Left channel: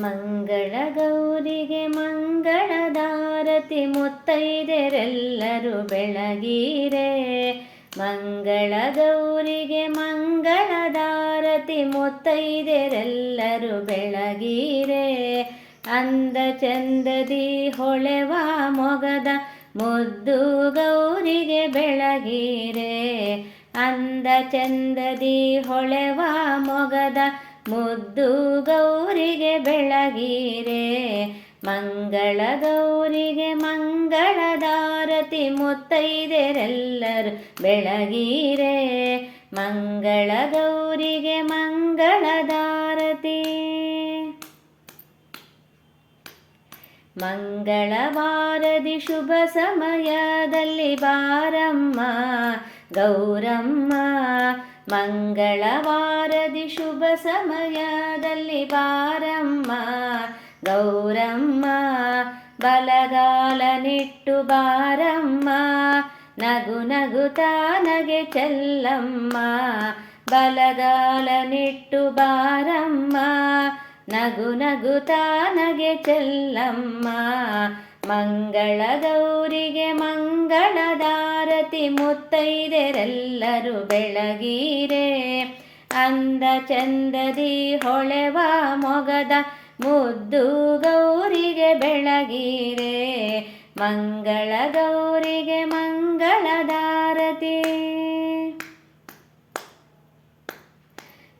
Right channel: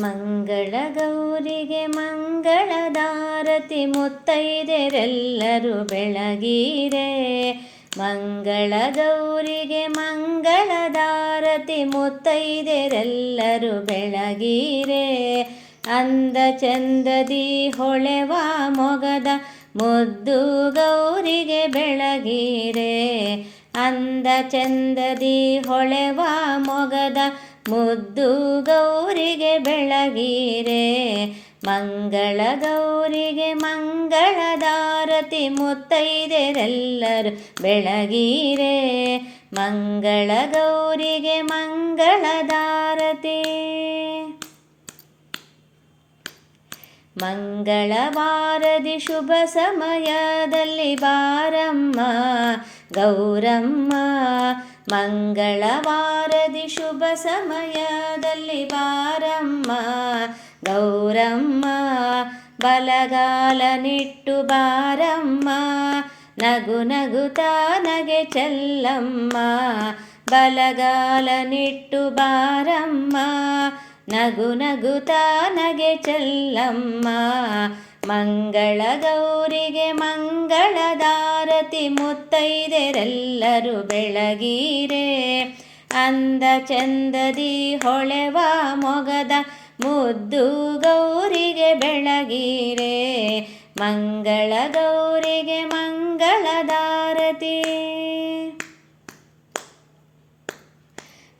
ಮಂಗಳ ಗೌರಿಗೆ ಮಂಗಳದಾರತಿ ಮುತ್ತೈದೆರೆಲ್ಲರೂ ಬೆಳಗಿರೆ. ಮಂಗಳ ಗೌರಿಗೆ ಮಂಗಳದಾರತಿ ಮುತ್ತೈದೆರೆಲ್ಲರೂ ಬೆಳಗಿರೆ. ಅಂದ ಚಂದದಿ ಹೊಳೆವ ಮೊಗದ ಮುದ್ದು ಗೌರಿಗೆ ಬೆಳಗಿರೆ. ಅಂದ ಚಂದದಿ ಹೊಳೆವ ಮೊಗದ ಮುದ್ದು ಗೌರಿಗೆ ಬೆಳಗಿರೆ. ಮಂಗಳ ಗೌರಿಗೆ ಮಂಗಳದಾರತಿ ಮುತ್ತೈದೆರೆಲ್ಲರೂ ಬೆಳಗಿರೆ. ಮಂಗಳ ಗೌರಿಗೆ ಮಂಗಳದಾರತಿ. ಮಂಗಳವಾರದಿ ಶುಭ ಸಮಯದಲ್ಲಿ ಬಾರಮ್ಮ ಗೌರಮ್ಮ. ಮಂಗಳವಾರದಿ ಶುಭ ಸಮಯದಲ್ಲಿ ಬಾರಮ್ಮ ಗೌರಮ್ಮ. ಬಲಗಾಲನಿಟ್ಟು ಬಾರಮ್ಮ ನಗು ನಗುತ್ತಾ ನಗೆ ಚೆಲ್ಲಮ್ಮ. ಬಲಗಾಲನಿಟ್ಟು ಬಾರಮ್ಮ ನಗು ನಗುತ್ತಾ ನಗೆ ಚೆಲ್ಲಮ್ಮ. ಮಂಗಳ ಗೌರಿಗೆ ಮಂಗಳದಾರತಿ ಮುತ್ತೈದೆರೆಲ್ಲರೂ ಬೆಳಗಿರೆ. ಅಂದ ಚಂದದಿ ಹೊಳೆವ ಮೊಗದ ಮುದ್ದು ಗೌರಿಗೆ ಬೆಳಗಿರೆ. ಮಂಗಳ ಗೌರಿಗೆ ಮಂಗಳದಾರತಿ.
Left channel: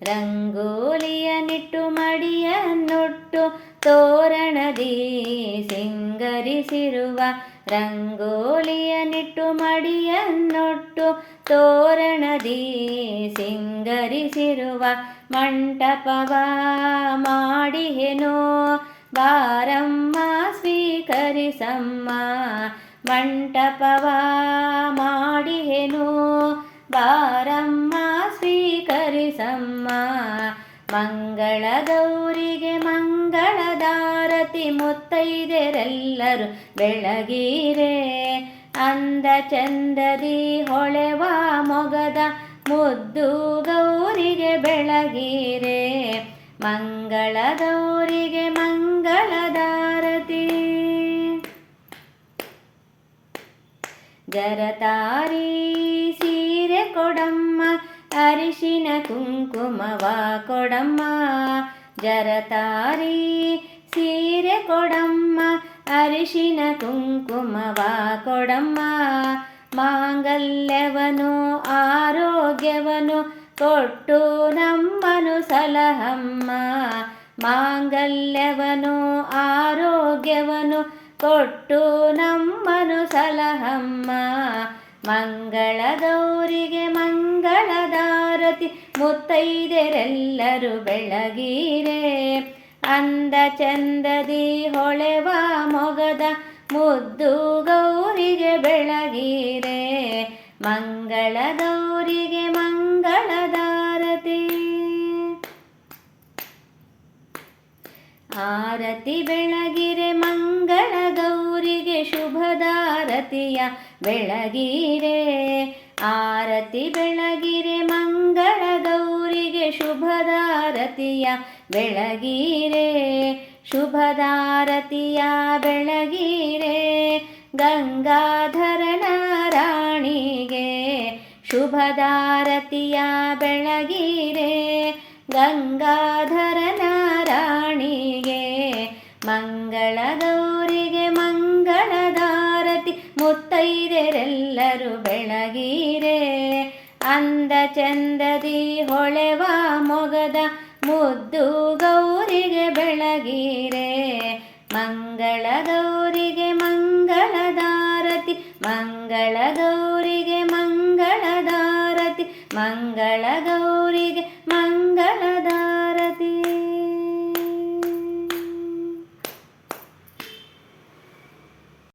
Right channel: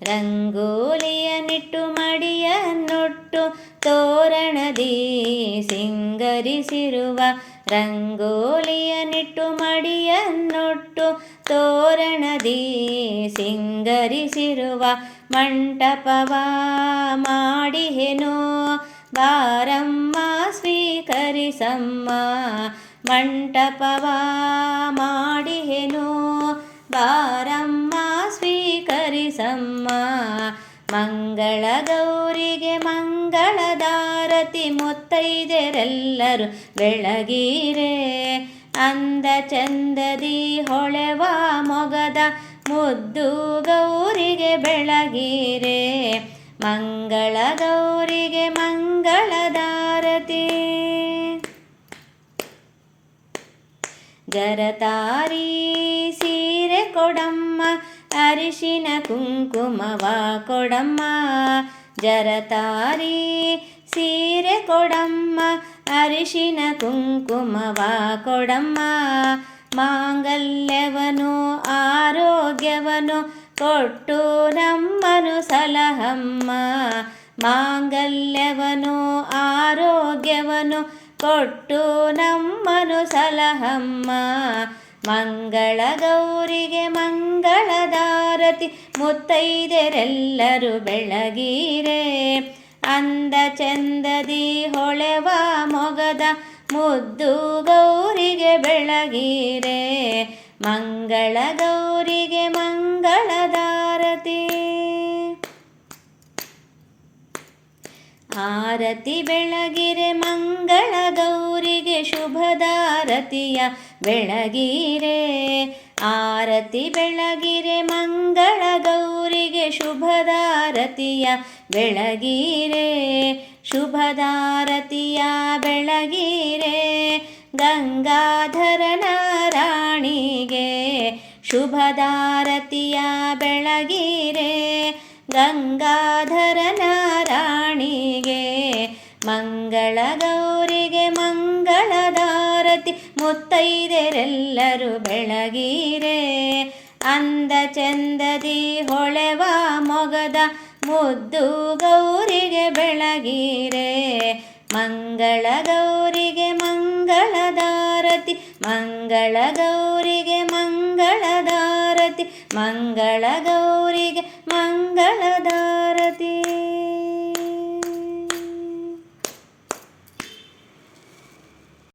ರಂಗೋಲಿಯನಿಟ್ಟು ಮಡಿಯನ್ನೊಟ್ಟು ತೋರಣದಿ ಸಿಂಗರಿಸಿರುವ. ರಂಗೋಲಿಯನಿಟ್ಟು ಮಡಿಯನ್ನೊಟ್ಟು ತೋರಣದಿ ಸಿಂಗರಿಸಿರುವ. ಮಂಟಪವ ಮಾಡಿಹೆನೋ ಬಾರಮ್ಮ ಸ್ವೀಕರಿಸಮ್ಮ. ಮಂಟಪವ ಮಾಡಿಹೆನೋ ಬಾರಮ್ಮ ಸ್ವೀಕರಿಸಮ್ಮ. ಮಂಗಳ ಗೌರಿಗೆ ಮಂಗಳದಾರತಿ ಮುತ್ತೈದೆರೆಲ್ಲರೂ ಬೆಳಗಿರೆ. ಅಂದ ಚಂದದಿ ಹೊಳೆವ ಮೊಗದ ಮುದ್ದು ಗೌರಿಗೆ ಬೆಳಗಿರೆ. ಮಂಗಳ ಗೌರಿಗೆ ಮಂಗಳದಾರತಿ. ಜರತಾರಿ ಸೀರೆ ಕೊಡಮ್ಮ ಅರಿಶಿನ ಕುಂಕುಮವ ಕೊಡಮ್ಮ. ಜರತಾರಿ ಸೀರೆ ಕೊಡಮ್ಮ ಅರಿಶಿನ ಕುಂಕುಮವ ಕೊಡಮ್ಮ. ಮಾಂಗಲ್ಯವನು ಆರೋಗ್ಯವನು ಕೊಟ್ಟು ನಮ್ಮನು ಸಲಹಮ್ಮ. ಮಾಂಗಲ್ಯವನು ಆರೋಗ್ಯವನು ಕೊಟ್ಟು ನಮ್ಮನು ಸಲಹಮ್ಮ. ಮಂಗಳ ಗೌರಿಗೆ ಮಂಗಳದಾರತಿ ಮುತ್ತೈದೆರೆಲ್ಲರೂ ಬೆಳಗಿರೆ. ಅಂದ ಚಂದದಿ ಹೊಳೆವ ಮೊಗದ ಮುದ್ದು ಗೌರಿಗೆ ಬೆಳಗಿರೆ. ಮಂಗಳ ಗೌರಿಗೆ ಮಂಗಳದಾರತಿ. ಆರತಿ ಬೆಳಗಿರೆ ಮಂಗಳ ಗೌರಿಗೆ ಶುಭದಾರತಿಯ ಬೆಳಗಿರೆ. ಆರತಿ ಬೆಳಗಿರೆ ಮಂಗಳ ಗೌರಿಗೆ ಶುಭದಾರತಿಯ ಬೆಳಗಿರೆ. ಶುಭದಾರತಿಯ ಬೆಳಗಿರೆ ಗಂಗಾಧರನ ರಾಣಿಗೆ. ಶುಭದಾರತಿಯ ಬೆಳಗಿರೆ ಗಂಗಾಧರನ ರಾಣಿಗೆ. ಮಂಗಳ ಗೌರಿಗೆ ಮಂಗಳದಾರತಿ ಮುತ್ತೈದೆರೆಲ್ಲರೂ ಬೆಳಗಿರೆ. ಅಂದ ಚಂದದಿ ಹೊಳೆವ ಮೊಗದ ಮುದ್ದು ಗೌರಿಗೆ ಬೆಳಗಿರೆ. ಮಂಗಳ ಗೌರಿಗೆ ಮಂಗಳದಾರತಿ. ಮಂಗಳ ಗೌರಿಗೆ ಮಂಗಳದಾರತಿ. ಮಂಗಳ ಗೌರಿಗೆ ಮಂಗಳದಾರತಿ.